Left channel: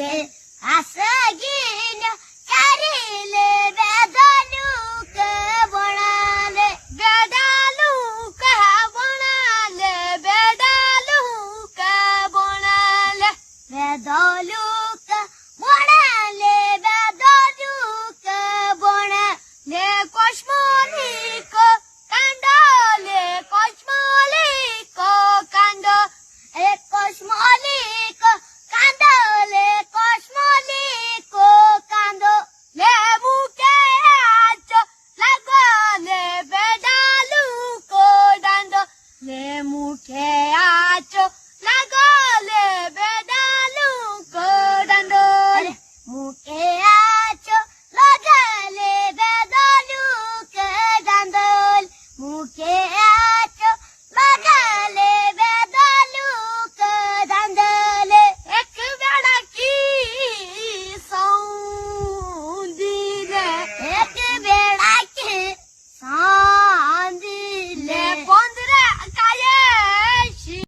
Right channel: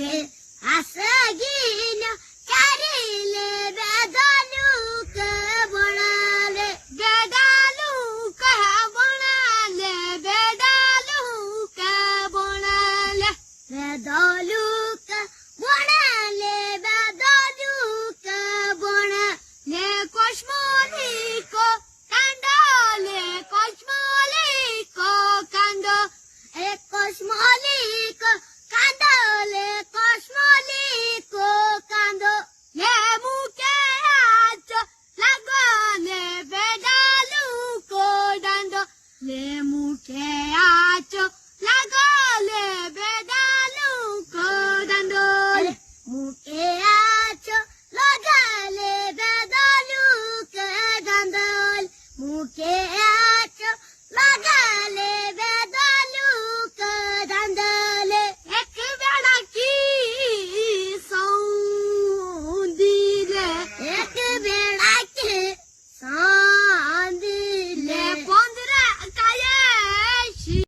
ले आसगिन्यो चारिले बेदालुक बनाले बेदालुक बनाले बेदालुक बनाले बेदालुक बनाले बेदालुक बनाले कोस्मोलीको काण्डले कोस्मोलीको काण्ड ए कोस्मोलीको काण्डले कोस्मोलीको काण्ड ले मुके आचो लागने बेदालुको दाण्ड ले मुके आचो